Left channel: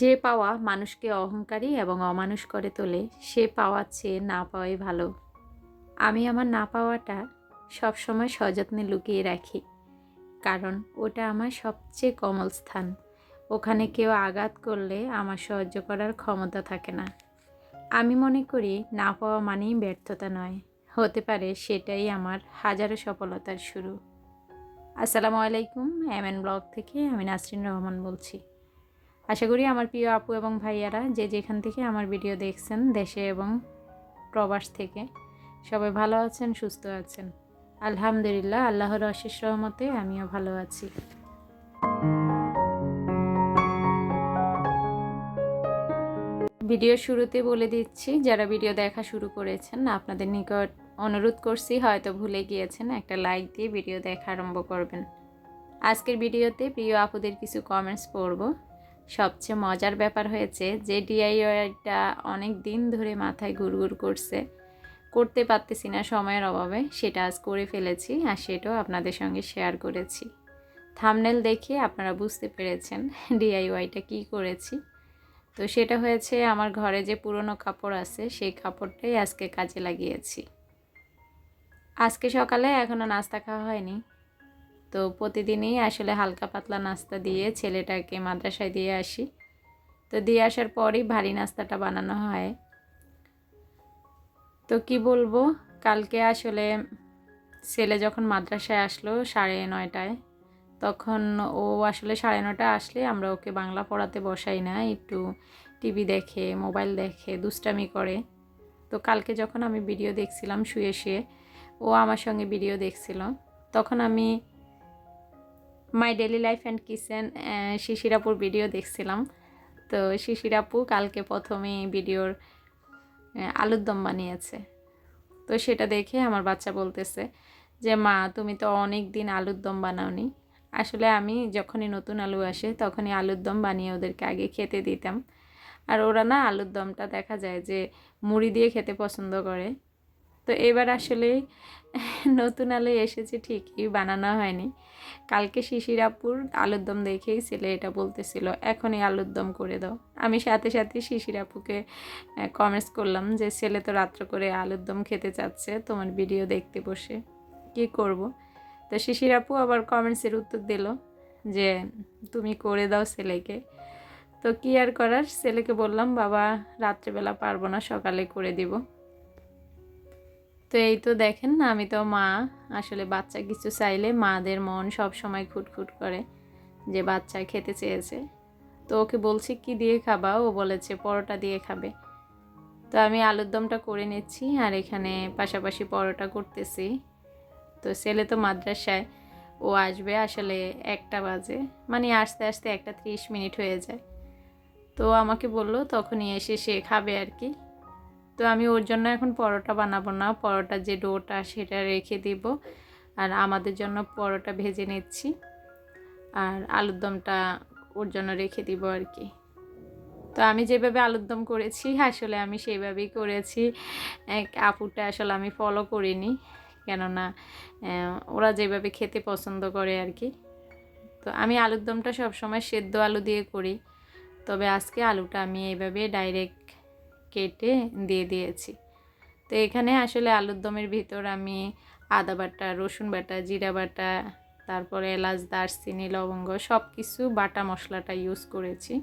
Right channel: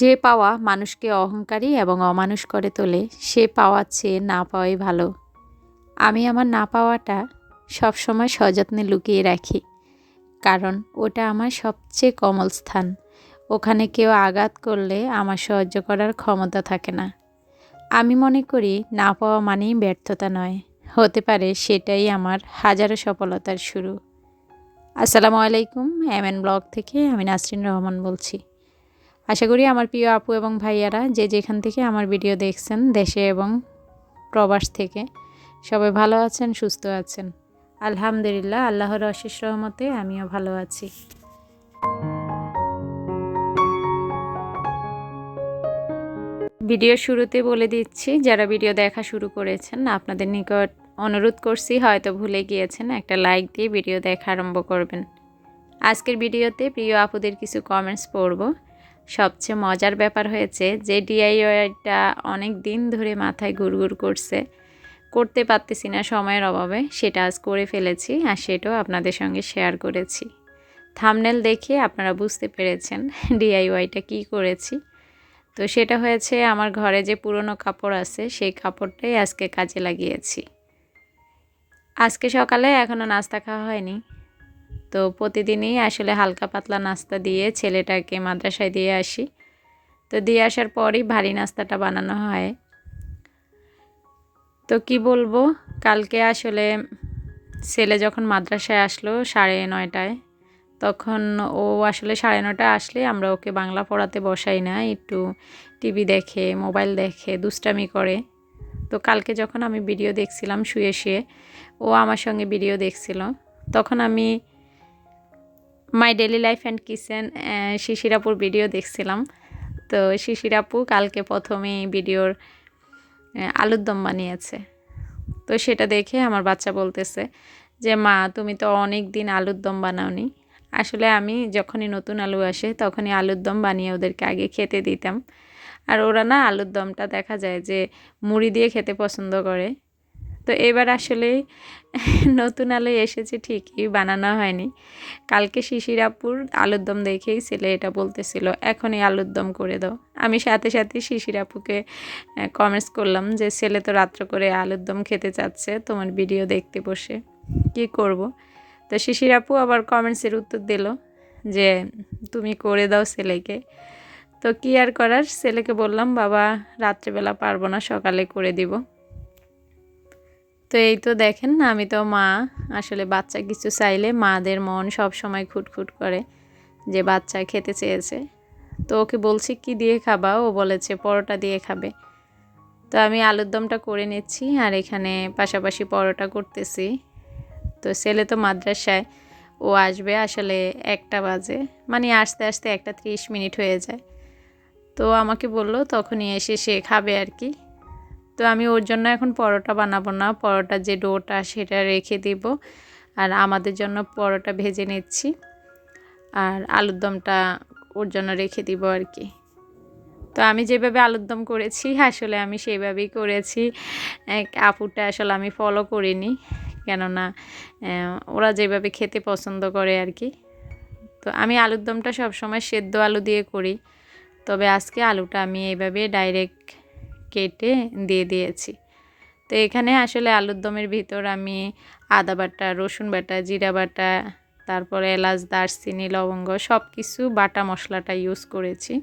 যে পাওয়া মানুষকে অহংকারী এবং অমানুষ করে তোলে, সে পাওয়ার চেয়ে না পাওয়াই ভালো। আমি আমার না পাওয়াটা সবসময় সযত্নে লুকিয়ে রাখি, কারণ ওটা আমার সবচেয়ে কোমল স্থান। ওখানে কেউ আঘাত করলে আমার সহ্য করার ক্ষমতা থাকে না। আমি মনে করি না পাওয়া মানেই ব্যর্থতা নয়, হতে পারে সেটাই আমার হাজারো সফলতার শুরু। আসসালামু আলাইকুম, এমএন ব্লগ থেকে আমি নাসরিন রহমান বলছি। আশা করি আমার প্রিয় আপু এবং ভাইয়ারা যে যেখান থেকে আমার ভিডিও দেখছেন, দেশে এবং প্রবাস থেকে, সবাই ভালো আছেন, সুস্থ আছেন। আলহামদুলিল্লাহ, আল্লাহর অশেষ রহমতে আমিও ভালো আছি। ভিডিও শুরুতে বলে দিচ্ছি, যারা ভিডিও দেখা শুরু করেছেন আপনাদের নিকট অনুরোধ করছি, হয়তো ভুলে গিয়েছেন, একটা লাইক দিয়ে ভিডিও দেখা আরম্ভ করবেন। আজকের ভিডিওতে প্রিয় আপুদের কিছু কমেন্টস পড়ব। সবচেয়ে মজার ব্যাপার হয়েছে যে ডিআইওয়াইটা অনেক দিন ধরে মাথায় ঘুরঘুর করতে পারতেছি না সময়ের অভাবে, সেটা আজ করে ফেলেছি আর সেটাও আপনাদের সঙ্গে শেয়ার করেছি। থাম্বনেল দেখে আপনারা বুঝতে পেরেছেন ডিআইওয়াইটা কি করেছি। তো সেটা হয়েছে, আমার ঘরে যে পুরনো কাপড় আছে সেই কাপড়টাই আজকে কাজে লাগিয়েছি। আজকে সকালে এখনও নাস্তা খাওয়া হয়নি, তো প্রতিদিনই আসলে হালকা পাতলা নাস্তা দিয়ে ছেলেটাকে মাদ্রাসায় দিয়ে আসি। তো দিয়ে আসার পরই ভারী নাস্তাটা বানানো হয়। তো কি বলবো, কালকে আসলে ছেলে যখন মাদ্রাসায় আসলো 9:30টায়, তখন ও আসলে 9:30টায় আসলে আমরা ওকে বাংলা পড়াতে বসাই না, একটু টিভি দেখে, মোবাইল দেখে, দুষ্টামি করে। তো কালকে যখন আমি ভিডিও দেখছিলাম শুয়ে শুয়ে, ও আমার সঙ্গে ভিডিও দেখছিল, তখন আমি my daily life and kitchen Shishir আপুর ভিডিও দেখছিলাম। তো শিশির আপু কালকে প্রথমেই ভিডিওর আলুর দম বানিয়েছে। তো সেটা দেখে আমার বাচ্চা বলতেছে যে মা, তুমি তো অনেক দিন আলুর দম বানাওনি। আসলে আমি যখনই নতুন আলু আসে তখনই আলুর দম বানিয়ে ওদেরকে আগে খেতে দিতাম। আর ওরা না আলুর দমটা দেখা যায় যে মুড়ি দিয়ে খেতে পছন্দ করে। তো এবার আসলে নতুন আলু এসেছে ঠিকই, বানানো হয়নি। কালকে শিশির আপুর আলুর দম দেখেই ছেলে এটা বলতেছিল, এখনই আলুর দম করে দাও। আমি সাথে সাথে শিশির আপুকে কমেন্টস করলাম যে ছেলে তো রাত্র করে আলুর দম খেতে চাচ্ছে, তোমার ভিডিও দেখতে বসে কি করব। তো শিশির আপু আবার কমেন্টসের উত্তর দিল যে তুমি করে দাও ছেলেকে। তো কি আর করার, ছেলেকে বললাম বাবা রাত্রেবেলা পারবো না, সকালে করে দিব। তো এই তো দেখেন, আমি তো মা, আসলে বাচ্চা কিছু চাইলে মাদের মন সব সময় খুঁটখুট করে যে বাচ্চা খেতে চেয়েছে। তো ওকে বলছি কি দিয়ে খাবা, ও বলেছে পরোটা দিয়ে খাবে। তো আমি আলুর দমটা করে নিচ্ছি আর এখানে পাশাপাশি পরোটা করতেছি। তো ছেলে তো মাদ্রাসায়, ও আসবে আসলে 1টা বাজে, মানে আসতে আসতে 1:30 হয়ে যায়। তো আমাকে বললো তখনই এসে সে খাবে আর কি। তো আমি ওর জন্য এখন পরোটা বানাবো না, পরোটার যে ডোটা সেটা রেখে দিব, আর আমাদের জন্য পরোটা ভেজে নিচ্ছি আর আলুর দমটা ওর জন্য রেখে দিব আর কি। তো আমি যেভাবে আলুর দম করেছি আসলে আমি সেইভাবেই করেছি, আপুটা আসলে আমি ফলো করিনি, কেননা ওরা যেভাবে খেতে পছন্দ করে আর কি। তো আমি আলুর দমটা সবসময় সেদ্ধ আলু দিয়ে করি, তবে আজকে আলুটা আমি এইভাবে ডাইরেক্ট কেটে দিয়ে দিয়েছি। তো এখানে আসলে আলুর দমের ভিতর আমি আদা বাটা, রসুন বাটা, জিরা বাটা, তারপরে এলাচ, দারচিনি, লবঙ্গ সব কিছু বাটা মশলাটা ইউজ করেছি।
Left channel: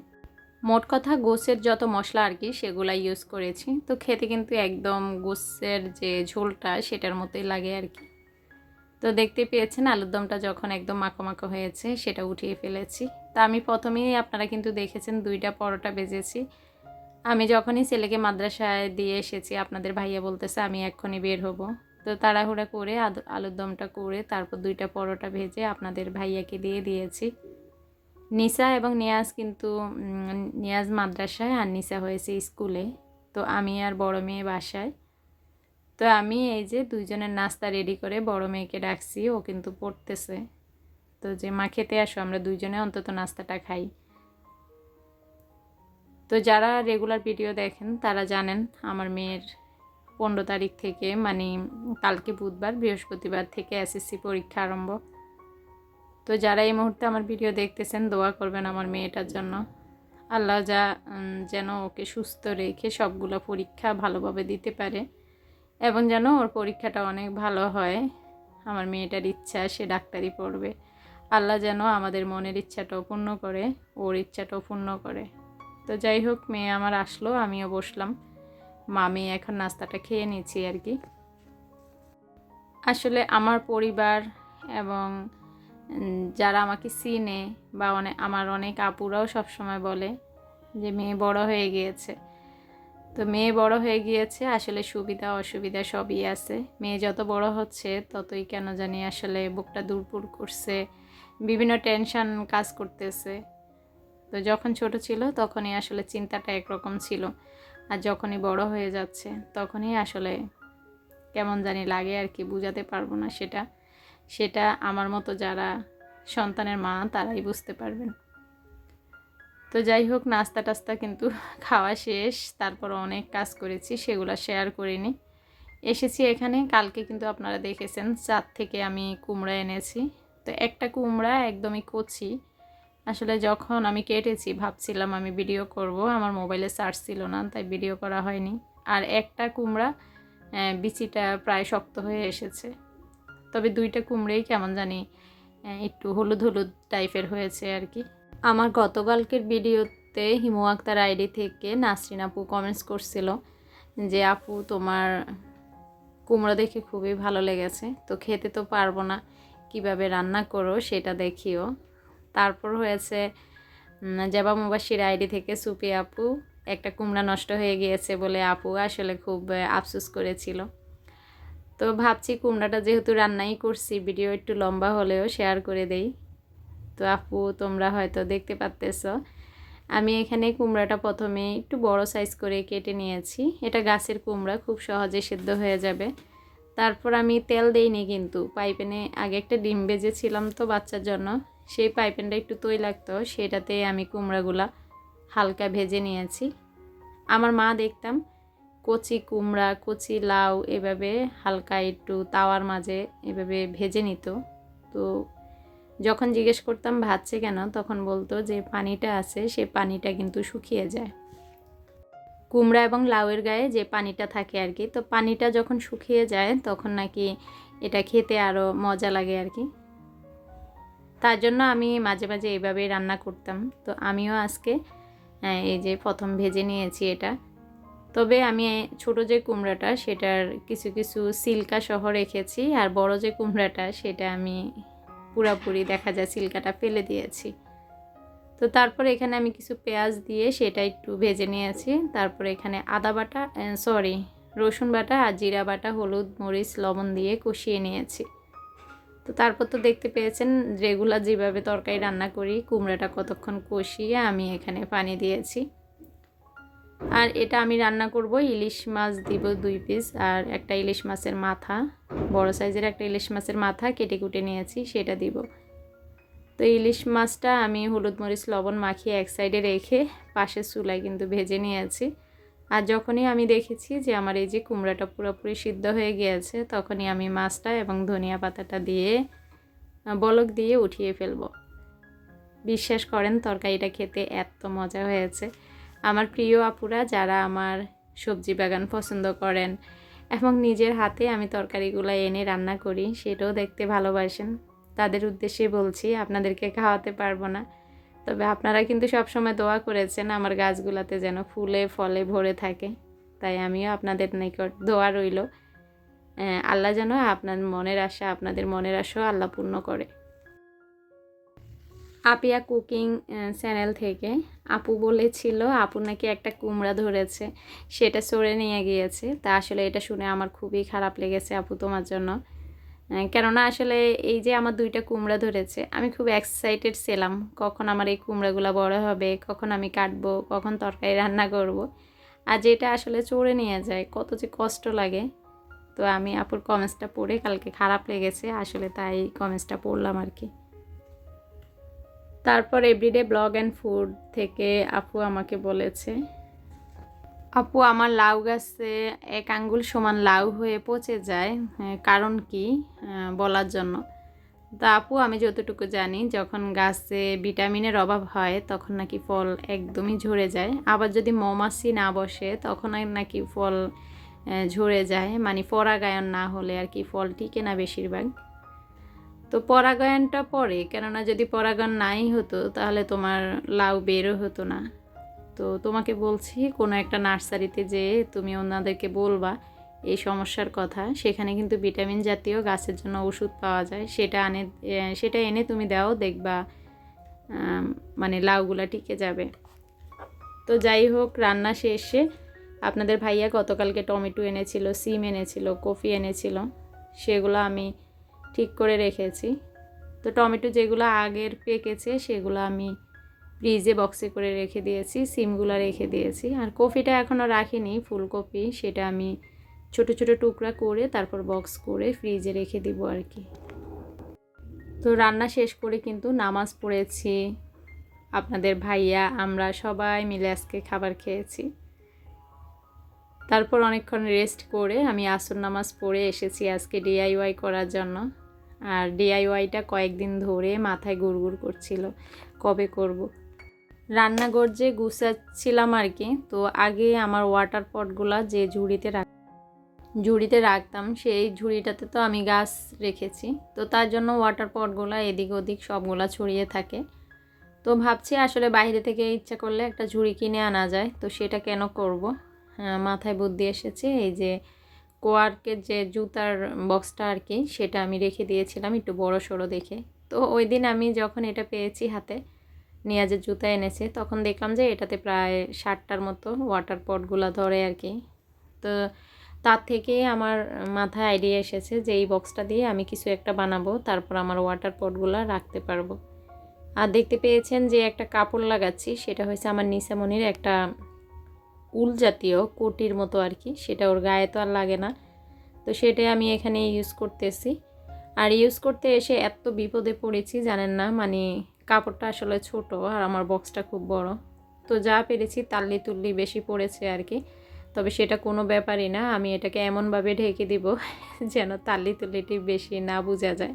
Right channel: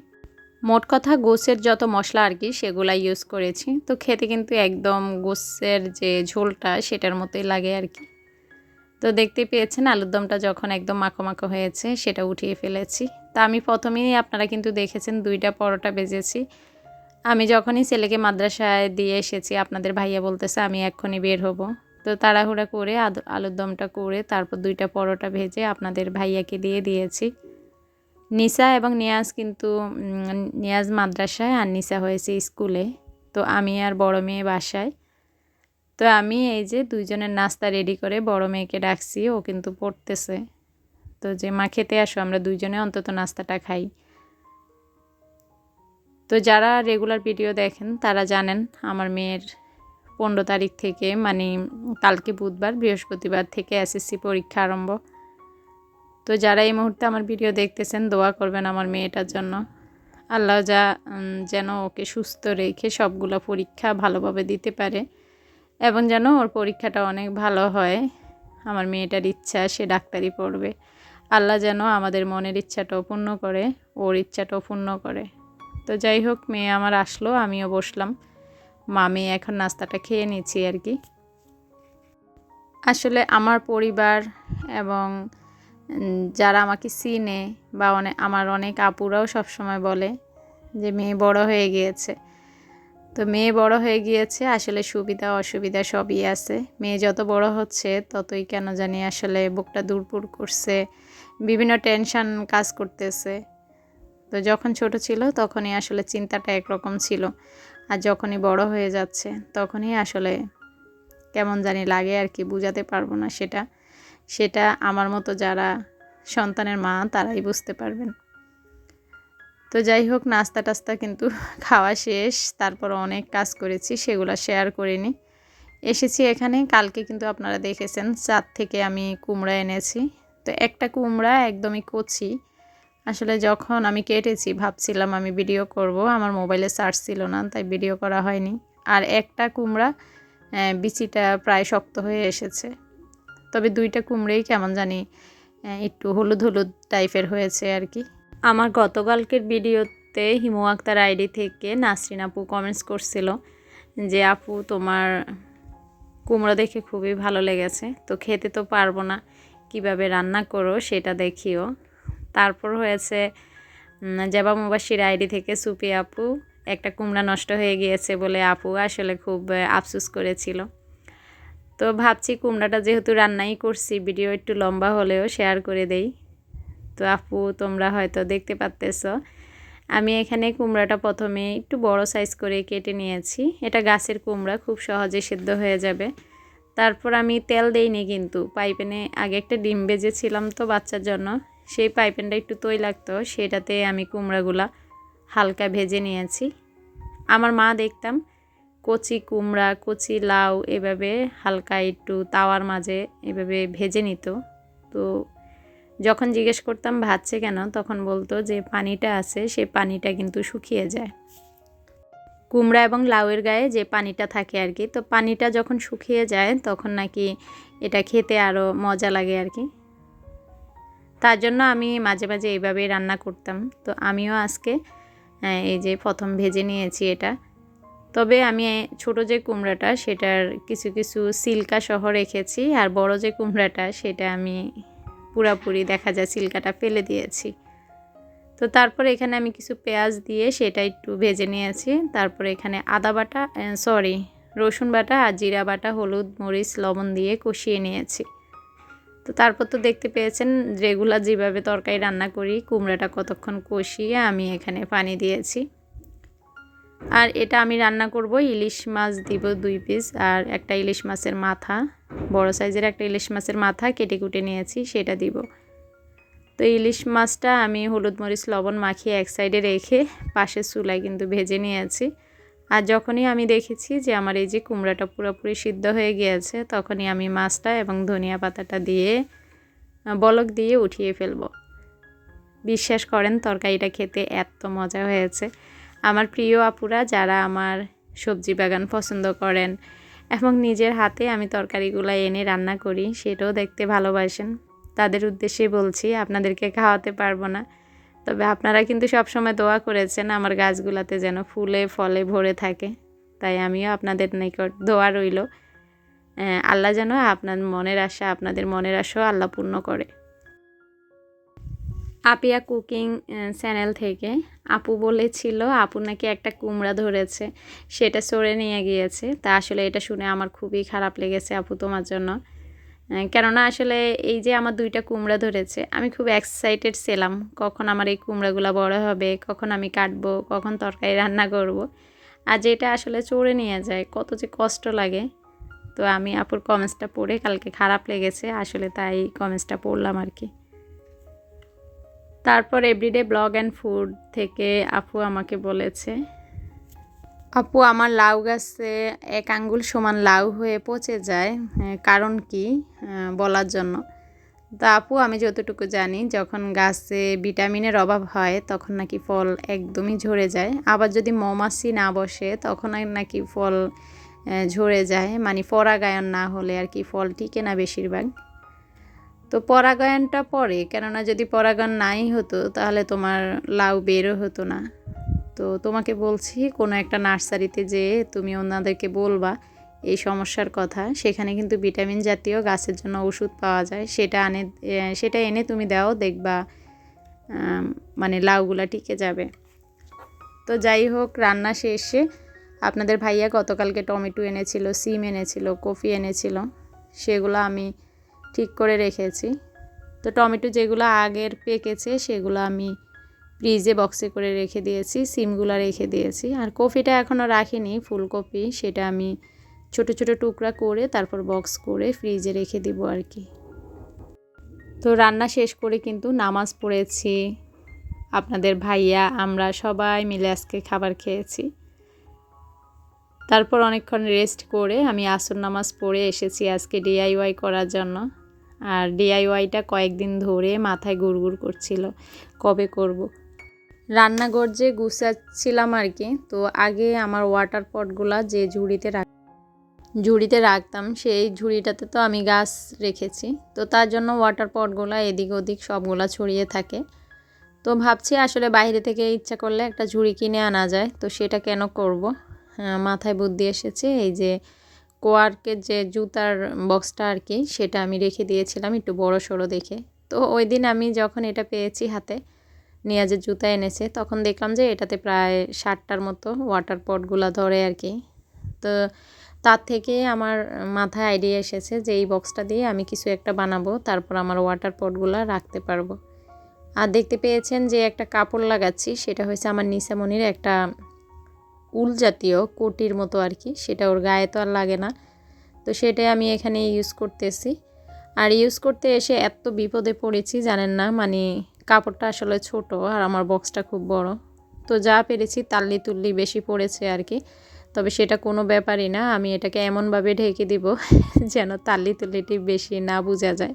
মোট কথা গোছের যত মশলা আর কি সেগুলা ইউজ করেছি। তো খেতে কিন্তু একদম গোছের যে ঝোলটা সেটার মতোই লাগে আর কি। তো দেখতে পেয়েছেন আলুর দমটা যখন একদম মাখো মাখো হয়েছে সেটা উঠিয়ে ফেলেছি। তা আমি প্রথমেই আপনারা কিন্তু দেখেছেন 2টা পরোটা ভেজেছি। আমি যখনই ছেলেকে মাদ্রাসায় দিয়ে এসেছি আপনাদের ভাইয়া বলতেছে আমি এক্ষুনি বের হব। তো তাড়াহুড়া করে আলুর দমটা করে তারপর 2টা পরোটা ভেজে আপনাদের ভাইয়াকে দিয়ে দিয়েছি। নিসা এবং নিয়াজ কিন্তু নিয়াজ মাদ্রাসায় আর নিসা হয়েছে স্কুলে। তো আমি আর বড় মেয়ে বাসায়। তো আমি এই যে 2জনের নাস্তা রেডি করে বড় মেয়েকে ডাকছি, ও কিন্তু পড়তেছে। তো যে মা খেতে আসো, আমরা 2জনে অন্তত নাস্তাটা খাই। তো যারা রেগুলার ভিডিও দেখেন তারা জানেন আমার মেয়ের 15 তারিখ থেকে, মানে কালকে বুধবার, বৃহস্পতিবার থেকে এসএসসি পরীক্ষা আরম্ভ। তো যারা এই মুহূর্তে আমার ভিডিও দেখতেছেন দোয়া করবেন আমার মেয়েটার জন্য। আল্লাহ যেন ওকে সুস্থ রেখে সবগুলো পরীক্ষা ভালোভাবে দিতে পারে এবং যেন ওর পরীক্ষাটা অনেক ভালো হয়। আমার মেয়েটার ইচ্ছা সে ডাক্তারি পড়বে। আল্লাহ যেন আমাদের মনের ইচ্ছাটাও পূর্ণ করে, ওর ইচ্ছাটাও পূর্ণ করে। তো যাই হোক, মেয়ে আমার আসলো, আমিও বসলাম, মেয়ে এখন নাস্তাটা খেয়ে নিচ্ছি আর কি। আসলে আমার পরিবার এবং যারা আমাকে চিনে বা আমার অনেক আপুরাও সবসময় বলে যে মেয়ে বড় হয়ে গিয়েছে। তো মেয়ে বড় হয়ে গিয়েছে, আসলে সুবিধা অসুবিধা সবই আছে। মেয়ে যত বড় হচ্ছে ততই কেন জানি আসলে বুকটা দুরপুর করছে, বিভিন্ন টেনশন কাজ করতেছে। তো যখন ছোট ছিল তখনই আসলে চিন্তাটা একরকম ছিল, আর যখনই বড় হয়ে যাচ্ছে তখনই আসলে কেমন জানি লাগে আর কি, বুঝাতে পারবো না সেটা আমার মতো যারা সন্তানের মা তারাই বুঝতে পারবেন। তো যাই হোক, নাস্তা টাস্তা কিন্তু খাওয়া শেষ, তারপর অনেক কাজ করেছি, সেগুলো শেয়ার করিনি। এসেছি এখানে, কালকে কিন্তু আপনারা দেখেছেন চাঁদ থেকে আমি কুমড়া এনেছি। তো একটা কুমড়া একদমই কচি, আসলে যখন আমি কেটেছি ভাবছিলাম আমি ভিডিও করব, আমার মোবাইলে চার্জ ছিল না তাই ভিডিও করা হয়নি। আর একটা কুমড়া বিচিটা প্রায় শক্ত হয়ে এসেছে, তবে দুইটা কুমড়াই কেমন জানি একটু হলুদ হলুদ টাইপের হয়েছে আর কি। আমার গতকালকের ভিডিওতে হিমু আক্তার আইডি থেকে নাসরিন আপু কমেন্টস করছিল যে আপু তোমার কুমড়ো দেখে খুবই ভালো লেগেছে, তো খেতে তো পারবো না, কিভাবে রান্না করো সেটা দেখিও। তারপর হয়েছে জেবা মুবাশির আইডি থেকে সুপি আপু একটা কুমড়া নষ্ট হয়ে গিয়েছে বলে আপু আসলে খুব আফসোস করেছিল। তো ভাবছি কুমড়াটা যেহেতু রান্নাই করছি, ভিডিও একটু লম্বা হলেও শেয়ার করে দেই। তো আপু তোমরা হয়তো দেখতে পাচ্তেছ, আমি এখানে কুমড়াটা প্রথমে একটু বড় সাইজ করে কেটে নিয়েছি। এটা গাছের কুমড়া, খুব সহজে সিদ্ধ হয়ে যাবে। তারপর আমি তেল দেইনি, কিন্তু পাইপ্যানে আগে একটা ডিম ভেজেছিলাম তো বাচ্চার জন্য, সেই পাইপ্যানটা একটু তৈলাক্ত, সেটাতে আমি কুমড়াগুলা হালকা ভেজে নিয়েছি। আমার মা দেখতাম কচি কুমড়া কচি লাউ এভাবে হালকা একটু তাওয়ার মাঝে এভাবে ভেজে নিত। তো যখন জিজ্ঞেস করতাম ভাজছে কেন, তখন বলতো যে পানিটা আছে সে পানিটা কিন্তু শুকিয়ে যায়, কুমড়া এবং লাউয়ের গায়ে যে পানিটা থাকে আর কি, তো পানিটা যখন শুকিয়ে যায় তখন নাকি এটা খেতে আরও মজা লাগে আর কি। তার জন্য আমি মাঝে মাঝে এইভাবেই রান্না করতাম। তো আমিও আজকে এই যে প্রথম ভেজে নিয়েছি এটা। তবে আমি ছোট যে কুমড়াটা সেটার কিছু কিছু সিল্কা সহ রেখেছি, আর বড় যে কুমড়াটা সেটা আমি পুরাপুরি দেখা যায় সিল্কাটা ফেলে দিয়েছি। তো তারপর এখানে আমি কিছু পেঁয়াজ দিয়ে সেটা একটু ভেজে নিয়েছি। তারপর এখানে রসুন বাটা আর জিরা বাটা, হলুদ মরিচ লবণ দিয়ে কষিয়ে নিয়েছি। তো তারপর তো দেখতে পেয়েছেন রেগুলার যেভাবে তরকারি রান্না করি, কুমড়াটা কতক্ষণ কষিয়ে আমি এখানে পানি দিয়েছি। আর এটা আমি রান্না করব, ইলিশ মাছ দিব 2 পিস, আর একটা ইলিশ মাছের মাথা, বড় সাইজের একটা ইলিশ মাছের মাথা কেটে কুটে নিয়েছি, সেটা দিব। তো ইলিশ মাছটা আমি হলুদ মরিচ লবণ মাখিয়ে এক সাইডে রেখে পাশের চুলায় কিন্তু ভেজে নিয়েছি। আর যখনই আমি দেখেছি যে আমার এই যে কুমড়াটা পুরোপুরি সিদ্ধ হয়ে গিয়েছে, তখনই আমি মাছটা এবং ধনিয়া পাতাটা দিয়ে বলক দিয়ে উঠিয়ে ফেলব। বিশ্বাস করেন তরকারিটা খেতে এত মজা হয়েছে। আমার প্রিয় আপুরা যারা আমার সবজি বাগান পছন্দ করেন এবং নিজের হাতে আমি তরকারিগুলো এনে রান্না করি সেটাও দেখতে ভালোবাসেন, তাদের উদ্দেশ্যে বলছি, আপনাদেরকে খাওয়াতে পারবো না, তবে আপনারা কিন্তু সবসময় দোয়া করেছেন আমার গাছগুলোতে যেন ফুলে ফলে ভরে থাকে, তাই আমিও আপনাদের নিকট দোয়া রইল আল্লাহ যেন আপনাদের মনের আশাও আল্লাহ পূর্ণ করে। আপিয়া কুকিং চ্যানেল থেকে আপু বলেছিল আপুর নাকি একটা কুমড়া ধরেছে, সেটা সরে নিয়ে গিয়েছে। তা আসলে এটা শুনে আমার খুবই খারাপ লেগেছে আপু তোমার জন্য, কেননা আসলে এই যে আমার 2টা কুমড়া ধরেছে, আমি খুব এক্সাইটেড ছিলাম কখন আমার এই কুমড়াগুলো বড় হবে, কখন আমি কাটবো, কখন তরকারি রান্না করব। আর যেটা আসলে চড়ে নিয়ে যায় কত যে কষ্ট লাগে। তো আমি আপুর কমেন্টসটা পড়ে কালকে খারাপ লেগেছে আসলে, তাই কমেন্টসটা পড়লাম আর কি। তারপর এভরিডে ব্লগ অ্যান্ড ফুড থেকে আপু আমাকে বলেছে, আপু আমার লাউ গাছে 1 আঙ্গুল সমান লাউ হয়ে পচে যায়, কারণ কি বলার জন্য। তা আপু আমি যতটুকু জানি যখন গাছে ভিটামিনের অভাব হয় তখন নাকি ফল একদমই ঝরে যায়, আবার যদি মৌমাছি না বসে তখন আর নাকি ফল ঝরে যায়, মানে পরাগায়ন না হলে আর কি ফল টিকে না বেশিরভাগ। তো পরাগায়নটা পরে, কেননা যদি পরাগায়ন নাই হতো তাহলে তোমার লাউ বেরও হতো না। তো তোমাকে বলছি কোনো একটা নার্সারিতে যেয়ে তুমি ওনাদেরকে বলবা এই সমস্যার কথা, সেখানে কিন্তু ভিটামিন জাতীয় গাছের জন্য ওষুধ পাওয়া যায়, সেটা এনে তুমি দাও, দেখবা মানে লাউগুলা টিকে যাবে। তো যাই হোক, রান্না শেষে আপনাদের ভাইয়া গতকালকে টমেটো এনেছিল, সিম এনেছিল, কফি এনেছিল, সেগুলো আমি ঠিক করে রেখেছি। তো টমেটো যেগুলো আগের পেকেছে সেগুলো আমি ফ্রিজে বক্সে করে রেখে দিয়েছি, সিমগুলো রেখে দিয়েছি। আর কফিটা এখনও রাখিনি, ফুলকপি, সেটা আমি ছোট ছোট টুকরা করে তারপর বক্স করে ফ্রিজে রেখে দিব আর কি। তো রান্না শেষ করে কিন্তু নামাজ পড়েছি, আপনাদের ভাইয়া আমরা সবাই মিলে আজকে খাবার খেয়েছি। তারপর অনেকক্ষণ রেস্ট করে আমি আসর নামাজ পড়ে এসেছি আজকে ডিআইওয়াই করার জন্য। আর ডিআইওয়াইটা কয়েকদিন ধরে মাথায় গুড়গুড় করছিল, কবে করব। রান্নাঘর যে গুছাচ্ছিলাম আর কি, তো আগে আমার ওয়াটার পটগুলা যে ঝুড়িতে রাখতাম সেই ঝুড়িটাতে তো আমি গাছ রেখেছি, তো তার জন্য ওয়াটার পটগুলা এদিক ওদিক সবগুলা ছড়িয়ে থাকে। তো ভাবছি আসলে বাইরে থেকে ইচ্ছা করলে একটা ঝুড়ি কিনে আনা যায়, তো সেটা কেন করব, মাথায় বুদ্ধি এসেছে। এই যে কোয়ার্কের যে জুতার বক্সটা আর কি, সেটা আমি রেখে দিয়েছিলাম একটু বড় সড়ো দেখে। তো ওই দিন আমি যখন এটা পেয়েছি হাতে, নিয়াজের জুতা এনেছে, তখন দেখলাম যে এটাতে প্রায় 60টার মতো ওয়াটার পটগুলা ধরে আর কি। তো তার থেকে আমার মাথায় আইডিয়া এসেছে যে এই বক্সটা দিয়ে আমি কিছু একটা বানাবো, তারপর আমার ওয়াটার পটগুলা রাখতে পারবো। আর দেখতে পেয়েছেন যে একটা কাপড় লাগাচ্ছি, সেটা হয়েছে আমার নিসামণির একটা উল জাতীয় কোটির মতো আর কি, সেটা ওর গায়ে তো আর লাগে না, তো সেটাই আমি এখানে ইউজ করতেছি। আর ইউজ করতে এসে এত বিপদে পড়েছি জানেন না, মানে কাপড়টা আসলে ছোট আর আমার বক্সটা খুব বড়, তো যা পেরেছি তাল্লি তুল্লি বেশি পড়েছে আর কি। তবে সেটা কোনো ব্যাপারই না, আমি এটাকে এমনভাবে ঢেকে দিব যেন তাল্লি তুল্লিটি বেশি না বোঝা যায়।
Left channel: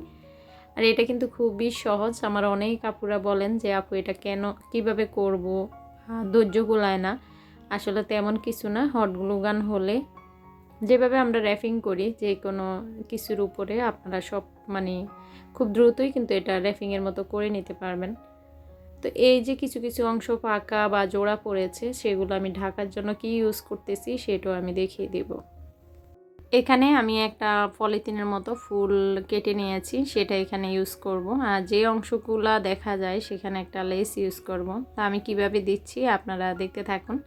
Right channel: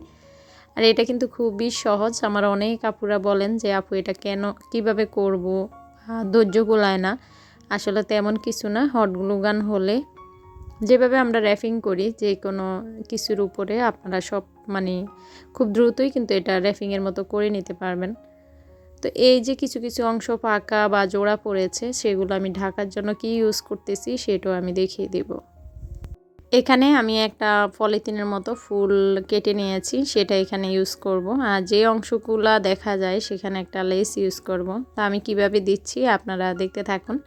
আর এটা কিন্তু খুবই সহজ, আমার অনেক আপুরা বলেন যে আপু এটা কিভাবে করব, ধৈর্য কুলায় না। আসলে তেমন কিছু না, হট গ্লু গান হলে যেভাবে আমরা র্যাপিং করি যে কোনো কিছুর উপরে, আপনারা সব মানে খুব দ্রুতই কিন্তু এটা র্যাপিংয়ের মতো করে নিতে পারবেন। তো এই যে কিছু কিছু অংশ পাকা বা জোড়া পড়েছে, সেগুলো আমি ঢাকার জন্য কি ইউজ করতেছি সেটাও আমি দেখিয়ে দেব। এখানে আমি একটা পলিথিনের মতো ফুল কেটে নিয়েছি, সেটা এখানে ইউজ করব। আর যে অংশগুলো দেখা যায় সেখানে একটা লেস ইউজ করব। তা আমি কিভাবে দিচ্ছি আপনারা দেখতে থাকুন।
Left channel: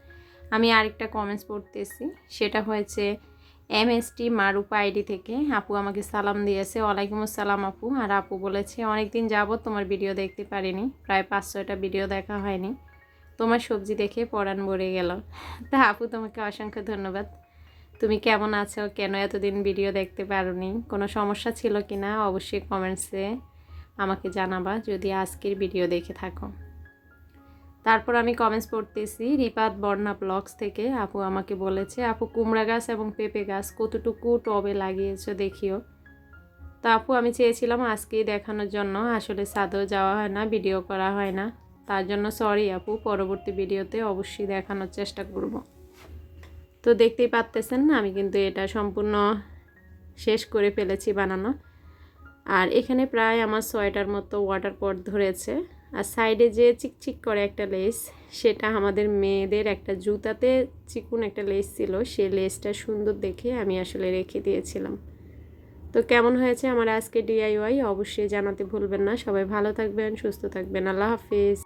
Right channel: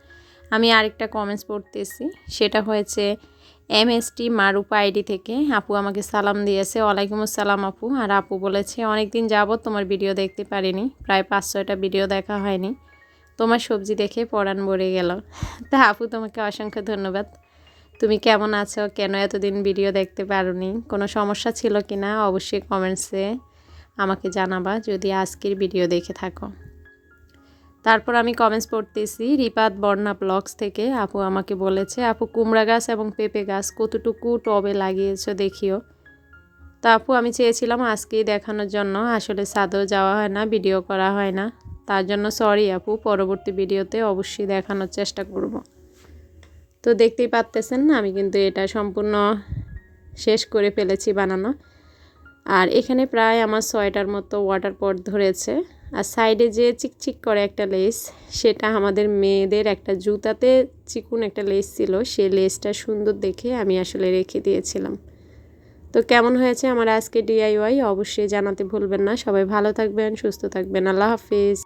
আমি আরেকটা কমেন্টস পড়তেছি, সেটা হয়েছে MST মারুপা আইডি থেকে। আপু আমাকে সালাম দিয়েছে, ওয়ালাইকুম আসসালাম আপু। আর আপু বলেছে অনেকদিন যাবত তোমার ভিডিও দেখতে পারিনি, প্রায় 5-6টা ভিডিও দেখা হয়নি, তোমার সবজি দেখে পরাণ ভরে গেল। তা আপু তোমাকে অসংখ্য ধন্যবাদ। তুমি কেমন আছো, কেন এতদিন ভিডিও দেখতে পারোনি, কোনো সমস্যা ছিল কি না অবশ্যই কমেন্টসে আমাকে জানাবা যদি আজকের ভিডিও দেখে থাকো। তারপর আমি কমেন্টস পড়তেছি রিপাত বর্ণা ব্লগস থেকে। আপু আমাকে বলেছে আপু কুমড়া গাছ এবং পেঁপে গাছ কতটুকু টবে লাগিয়েছো দেখিও। তা আপু আমি চেয়েছিলাম আজকেই দেখানোর জন্য, আসলে ছাদেও যাওয়া হয় না, ভিডিও করা হয় না, তার জন্য সরি আপু, পরবর্তী ভিডিওতে অবশ্যই দেখানোর চেষ্টা করব। তো দেখতেই পাচ্তেছেন না, আমি কিন্তু এটা সম্পূর্ণ শেষ করে ফেলেছি বানানো। আর এখানে প্রায় আমার 6টার মতো ওয়াটার পট ধরেছে। আর সাইডে যে চিকচিক করে একটা লেস, সেটা আমাদের মেয়েদের একটা জুতাতে চিকুন একটা লেস ছিল, সেই লেসটা সুন্দর দেখে আমি আসলে রেখে দিয়েছিলাম। তো কেমন হয়েছে আমার আজকে ডিআইওয়াই অবশ্যই জানাতে ভুলবেন না। সবাই ভালো থাকবেন, সুস্থ থাকবেন, আল্লাহ হাফিজ।